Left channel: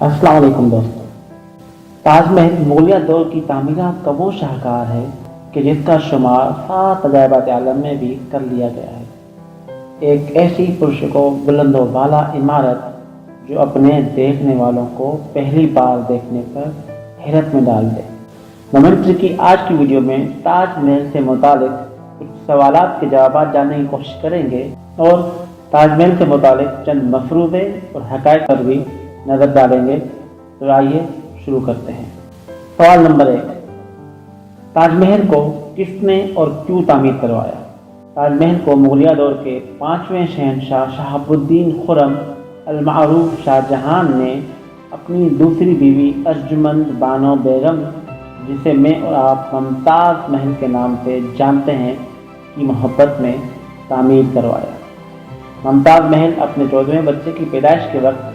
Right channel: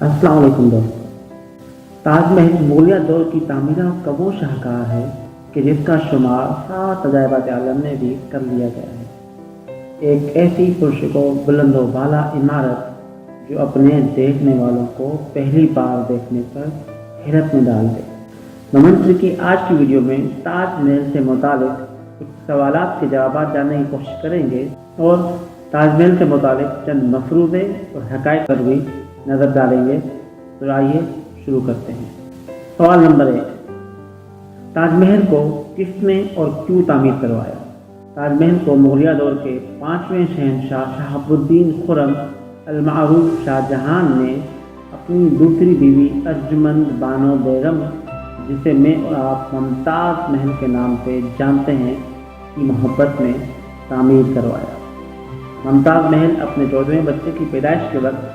अस्सलाम वालेकुम दोस्तों। ताजमहल मुगलिया दौर की तामीरात का वो शाहकार है कि जिसका शुमार 7 अजायबात आलम में भी कर लिया गया है। एक ऐसी पुरशको बुलंद व बाला इमारत जो अपने देखने वालों को पहली बार देखने पर हैरत में डाल दे। मोमेंट्री की आज की वीडियो में ताजमहल से मुतालिक कुछ सवालात के जवाब जानने की कोशिश करेंगे और ताजमहल से मुतालिक चंद मफरूज़े और हक़ाइक़ पर भी नज़र डालेंगे। तो आइए शुरू करते हैं। सवाल नंबर 1, ताजमहल को किसने और क्यों तामीर करवाया? ताजमहल को मुगलिया दौर के 5वें शहंशाह शहाबुद्दीन खुर्रम अल-मारूफ शाहजहां ने अपनी दूसरी बीवी अर्जुमंद बानो बेगम, जिसे मैं और आप मुमताज़ महल के नाम से जानते हैं, की मोहब्बत में तामीर करवाया। मुमताज़ महल अपने 14वें बच्चे की पैदाइश के वक्त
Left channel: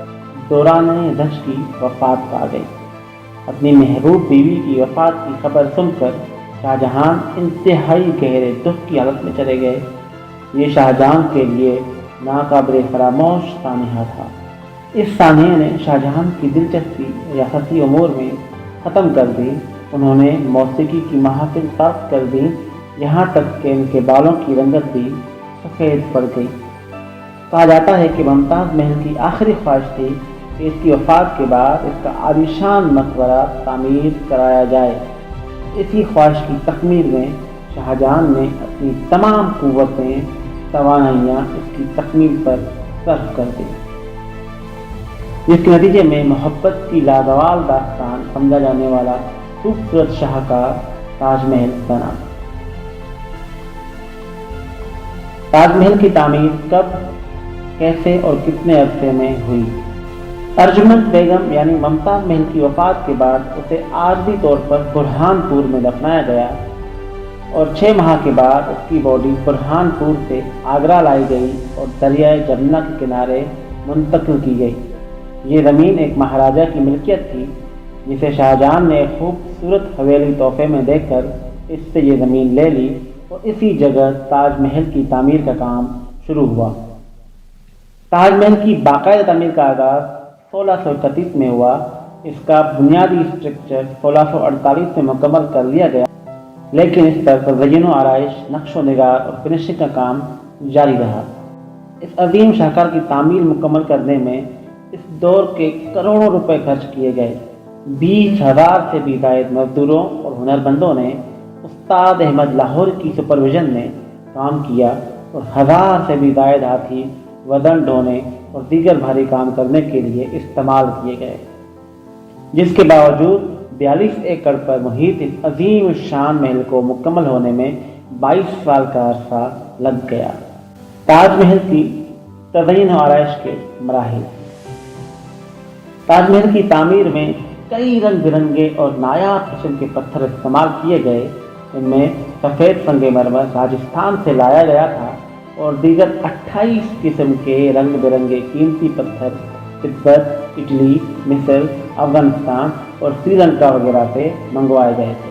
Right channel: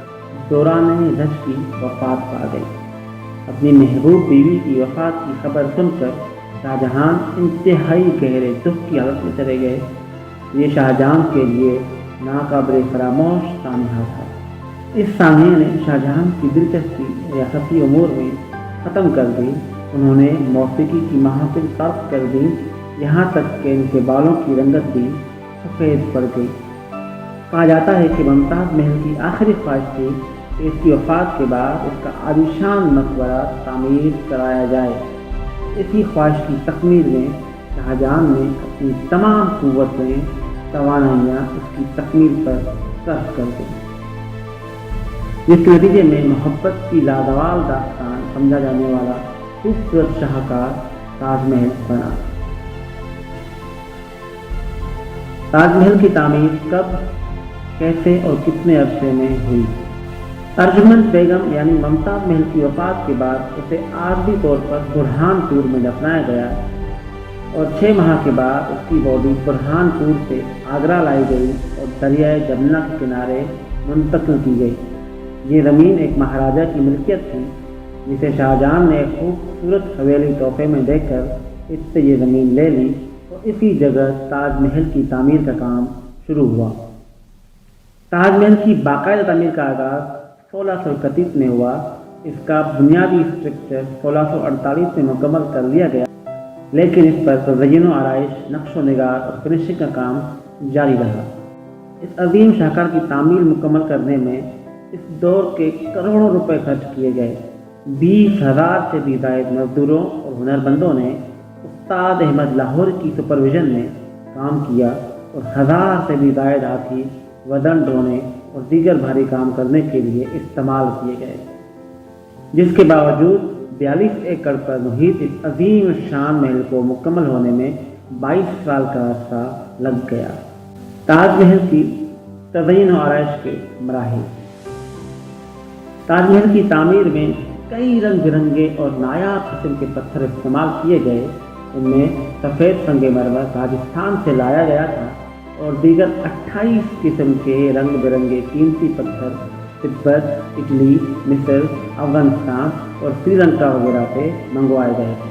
दौरान रश की वफ़ात पा गई। अपनी महबूब बीवी की वफ़ात की खबर सुनकर शाहजहां इंतहाई गहरे दुख की हालत में चले गए। ये शाहजहां के लिए नाकाबिल फरामोश सानहा था। इस सानहे ने शाहजहां की दिलचस्पी रियासती उमूर में ख़त्म कर दी। उन्होंने मौसीकी की महफिल तर्क कर दी, यहाँ तक कि इनके बालों की रंगत भी सफ़ेद पड़ गई। कहा जाता है कि मुमताज़ महल की आखिरी ख्वाहिश थी कि इसकी वफ़ात के बाद इसका आलीशान मकबरा तामीर कराया जाए। इसी ख्वाहिश की तकमील में शाहजहां ने अपनी तमाम क़ुव्वतें तवानाइयाँ इसकी तकमील पर सर्फ कर दी। इसके नतीजे में मोहब्बत की लाजवाब दास्तान समझा जाने वाला खूबसूरत शाहकार ताजमहल बना। ताजमहल की तामीर कब, कैसे और कितने अरसे में हुई? अर्जुमंद बेगम यानी मुमताज़ महल की वफ़ात के बाद उसे आर्जी तौर पर बुरहानपुर में दफनाया गया और 6 माह के बाद उसकी बॉडी बुरहानपुर से आगरा लाई गई और दरियाए जमुना के किनारे मुंतकिल की गई। ये ज़मीन एक महाराजा की मिल्कियत थी, जिसे शाहजहां ने खूबसूरत हवेली तोहफे में देकर इससे ये ज़मीन ले ली और इसी जगह ताजमहल की तामीर का काम शुरू हुआ। ताजमहल की बाकायदा तामीर का आगाज़ 1631 में हुआ। इसका बुनियादी स्ट्रक्चर 1648 में मुकम्मल कर लिया गया, लेकिन इस पर तज़य्युन व आराइश, नक्शो निगार और फिनिशिंग का काम जारी रहा। इस अजीम शाहकार की तामीर मुकम्मल करने में इस दौर के करोड़ों रुपए खर्च किए गए। 20,000 से भी ज़ायद मजदूरों और हुनरमंदों ने उस्ताद अहमद लाहौरी की सुपरविजन में काम किया और 1000 से भी ज़ायद हाथी वजन ढोने और दीगर भारी काम करने के लिए इस्तेमाल किए गए, जिसके बावजूद 42 एकड़ पर मुहित इस अजीम शान महल को मुकम्मल होने में 22 साल का अरसा लग गया। ताजमहल की तज़य्युन व आराइश के मराहिल। ताजमहल की तामीर में कई रंग बिरंगे और नायाब किस्म के पत्थर इस्तेमाल किए गए। इनमें सफ़ेद संगमरमर राजस्थान से लाया गया था और दीगर 28 किस्म के रंग बिरंगे कीमती पत्थर तिब्बत, इटली, मिस्र, अफगानिस्तान और श्रीलंका वगैरह से मंगवाए गए थे।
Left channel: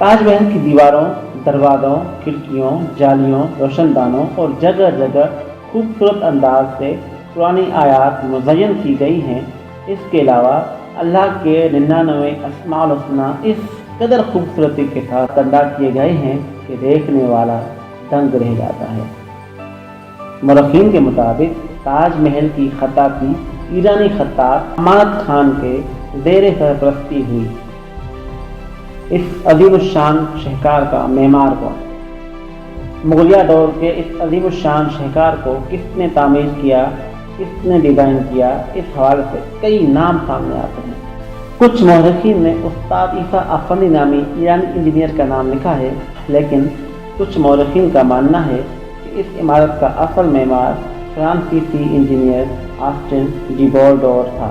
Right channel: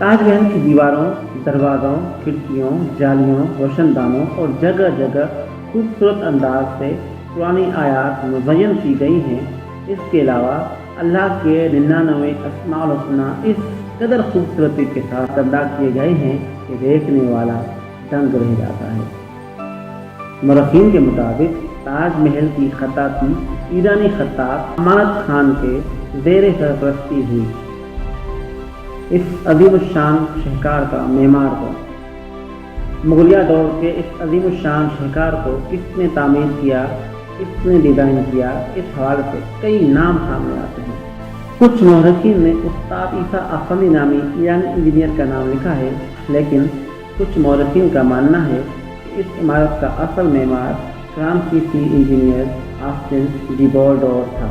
ताजमहल की दीवारों, दरवाज़ों, खिड़कियों, जालियों, रोशनदानों और जगह जगह खूबसूरत अंदाज से पुरानी आयात मुज़य्यन की गई हैं। इसके अलावा अल्लाह के 99 अस्माउल हुस्ना इस कदर खूबसूरती के साथ अदा किए गए हैं कि देखने वाला दंग रह जाता है। मुरख्खीन के मुताबिक ताजमहल की खत्ताती ईरानी खत्तात अमानत खान के ज़ेर सरपरस्ती हुई। इस अज़ीमुश्शान शाहकार का मेमार कौन? मुगलिया दौर के इस अज़ीमुश्शान शाहकार को किसने तामीर किया, किसने डिज़ाइन किया? इस हवाले से कई नाम सामने आते हैं। कुछ मुहर्रिखीन ने उस्ताद ईसा अफंदी नामी ईरानी इंजीनियर का नाम लिखा है, लेकिन कुछ मुहर्रिखीन का मानना है कि इस इमारत का असल मेमार फ्रांसीसी इंजीनियर ऑस्टिन जिबोल्डोर था।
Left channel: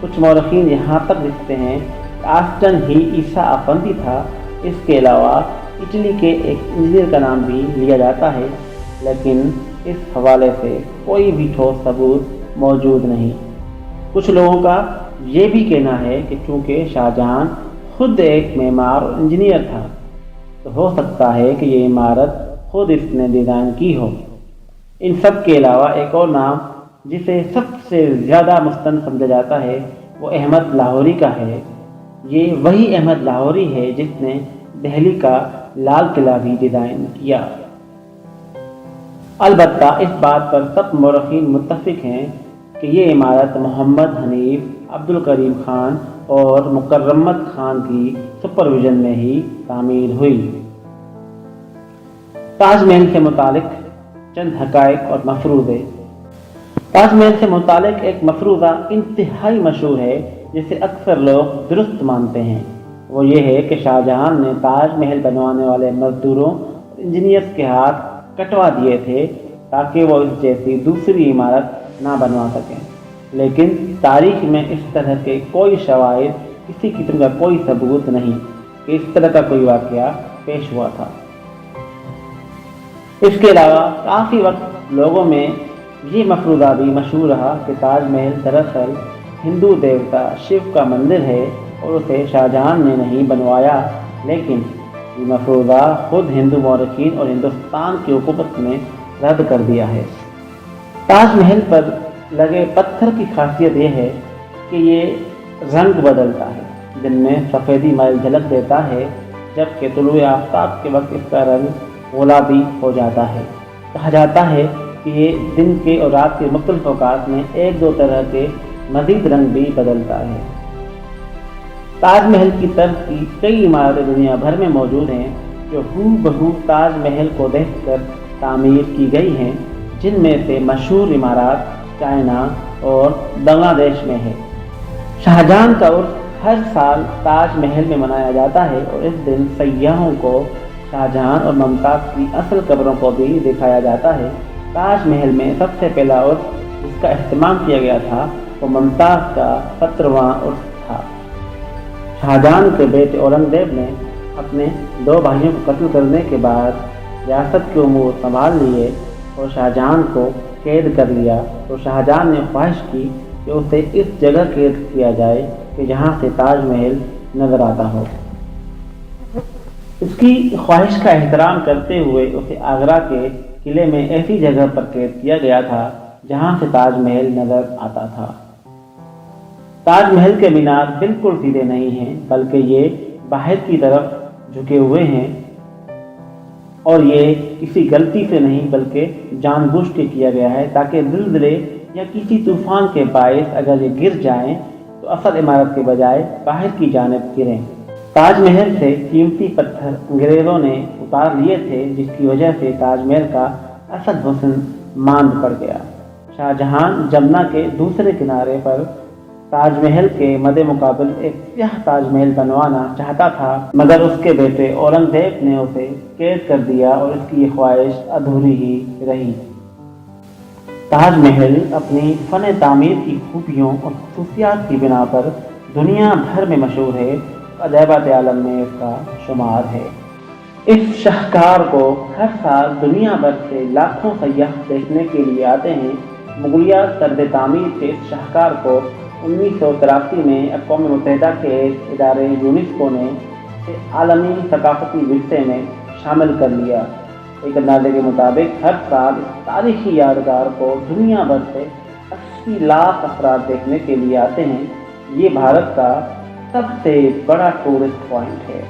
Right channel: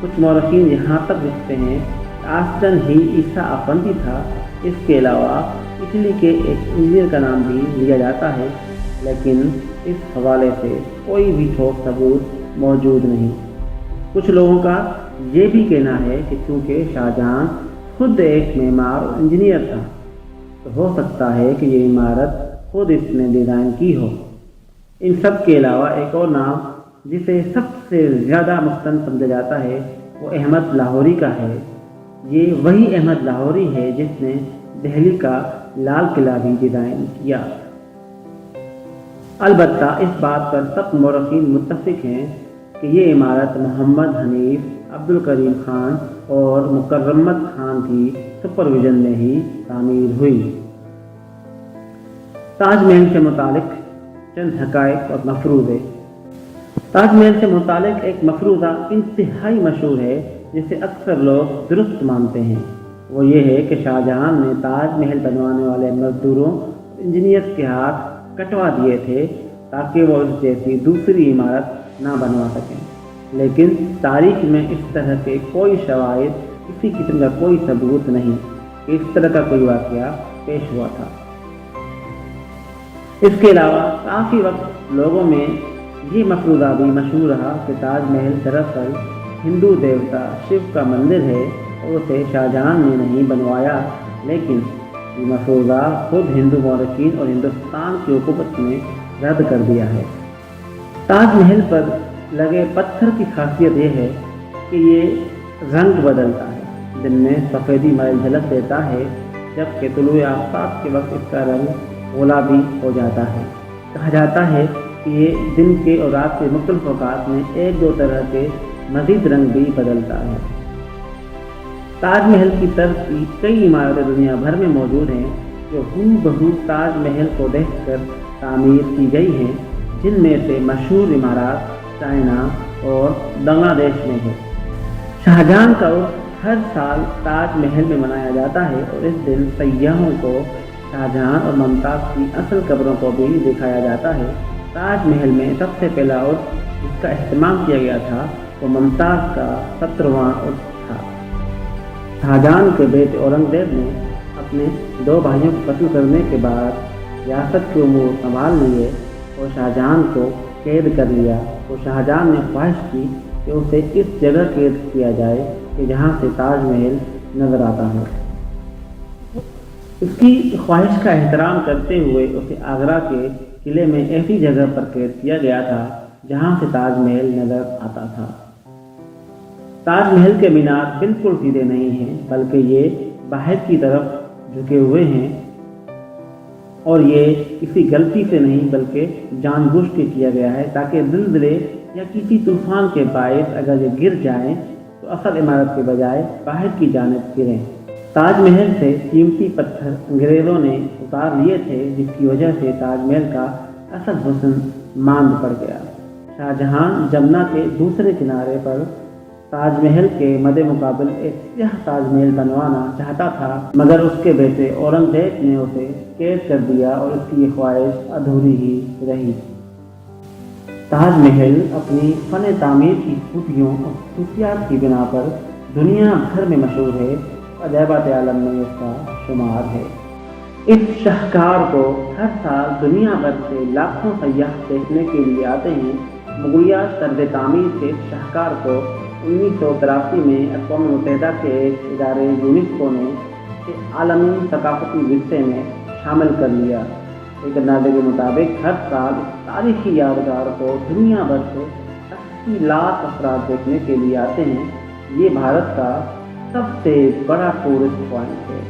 कुछ मुहर्रिखीन यहाँ तक लिखते हैं कि ऑस्टिन ही ईसा अफंदी था। इसके अलावा इटली के एक इंजीनियर का नाम भी लिया जाता है, लेकिन इस हवाले से कोई भी ठोस सबूत मौजूद नहीं। कुछ लोगों का ये भी कहना है कि चूँकि शाहजहां खुद एक मेमार और इंजीनियर था, तो हो सकता है कि ये इमारत खुद इसने डिज़ाइन की हो। इन सब के अलावा एक और नाम جسے سب سے زیادہ مستند سمجھا جاتا ہے وہ احمد لاہوری کا ہے۔ یہ وہی احمد لاہوری ہے جس نے دہلی کا لال قلعہ بھی ڈیزائن کیا۔ البتہ اس بات پر سب مورخین متفق ہیں کہ یہ عمارت محمد حنیف، عبد الکریم خان اور مکرمت خان کی سپرویژن میں ہی تعمیر ہوئی۔ تاج محل سے متعلق چند حقائق اور مفروضے۔ تاج محل سے متعلق ایک مفروضہ انتہائی مشہور ہے جسے اکثر لوگ درست مانتے ہیں۔ وہ یہ ہے کہ شاہ جہاں نے تاج محل بنوانے والے مزدوروں اور انجینئرز کے ہاتھ کٹوا دیے تھے تاکہ وہ اس جیسی دوسری عمارت نہ بنوا سکیں، لیکن تاریخ میں اس طرح کے کوئی شواہد، کسی قسم کا کوئی ثبوت نہیں کہ اس طرح کا کوئی واقعہ پیش ہوا تھا۔ اس کے علاوہ کافی وقت لوگوں میں یہ مفروضہ بھی مشہور رہا کہ تاج محل دراصل ہندو دیوتا شیو کا مندر ہے اور اسے شاہ جہاں نے نہیں بنوایا، لیکن یہ مفروضہ خود ہندو مورخین اور ہندوستان کی حکومت نے رد کر دیا ہے۔ تاج محل پر لگے پتھر کی خاصیت یہ ہے کہ یہ رنگ بدلتا ہے، دن میں سفیدی مائل جھلک دیتا ہے جبکہ طلوع آفتاب کے وقت اس کا رنگ گلابی ہو جاتا ہے۔ کہا جاتا ہے کہ یہ دن کے اور رات کے مختلف اوقات میں ایک دو طرح کے مزید رنگ بھی بدلتا ہے۔ تاج محل کی طرز کی کئی عمارتیں دنیا بھر میں موجود ہیں جو ہو بہو تاج محل کو دیکھ کر تعمیر کی گئی ہیں، جن میں سے مشہور عمارات چائنا اور بنگلہ دیش میں ہے۔ شاہجہاں کا عرس ہر سال تاج محل میں منایا جاتا ہے اور اس دن سیاحوں کو شاہجہاں اور ممتاز کی اصل قبروں کو بھی دکھایا جاتا ہے۔ تاج محل میں سب سے پہلا عرس جس کا اہتمام کیا گیا تھا وہ ممتاز کا 17واں عرس تھا۔ شاہجہاں کے بیٹے اورنگزیب نے اپنے 2 بھائیوں کو قتل کرنے کے بعد ریاست کے امور سنبھال لیے اور شاہجہاں کو قید کر لیا، اور شاہجہاں نے خواہش کی کہ اسے اس جگہ قید کیا جائے کہ جہاں سے تاج محل نظر آتا ہو۔ اس کی خواہش کا احترام کرتے ہوئے اسے آگرہ کے قلعے میں ایسی جگہ پر قید کیا گیا تھا جہاں سے تاج محل نظر آتا تھا۔ تاج محل کے مینار بالکل سیدھے نہیں ہیں بلکہ یہ باہر کی طرف جھکے ہوئے ہیں، اور یہ کسی غلطی سے نہیں بلکہ جان بوجھ کے کیا گیا ہے تاکہ زلزلے یا کسی طوفان کے باعث اگر یہ گر جائیں تو اصل عمارت کے بجائے باہر کی جانب گریں۔ تاج محل سے قیمتی پتھر انگریزوں نے اتار لیے تھے جس کی وجہ سے تاج محل کا اصل حسن ماند پڑ گیا۔ شاہ جہاں جمنا کے دوسرے کنارے پر تاج محل کے مد مقابل ایک سیاہ تاج محل بنوانا چاہتا تھا، مگر اس کے بیٹے اورنگزیب نے اسے قید کر دیا اور اس کی یہ خواہش ادھوری ہی رہی۔ تاج محل اپنی فن تعمیر کی خوبیوں اور خصوصیات کی بنا پر دنیا بھر میں مشہور ہے، عجائبات عالم میں اس کا شمار ہے۔ اس شاہکار کو ہر سال دنیا بھر سے لاکھوں سیاح دیکھنے کے لیے آتے ہیں۔ مغلیہ طرز تعمیر کے اس شاہکار کو 1983 میں اقوام متحدہ کے ایک ادارے یونیسکو نے عالمی ثقافتی ورثے میں شامل کر لیا۔ ایک اندازے کے مطابق ہر سال اس تاریخی یادگار کو دنیا بھر سے 80 لاکھ افراد دیکھنے کے لیے آتے ہیں۔ یہ بھارت کا سب سے بڑا ٹورسٹ پوائنٹ ہے۔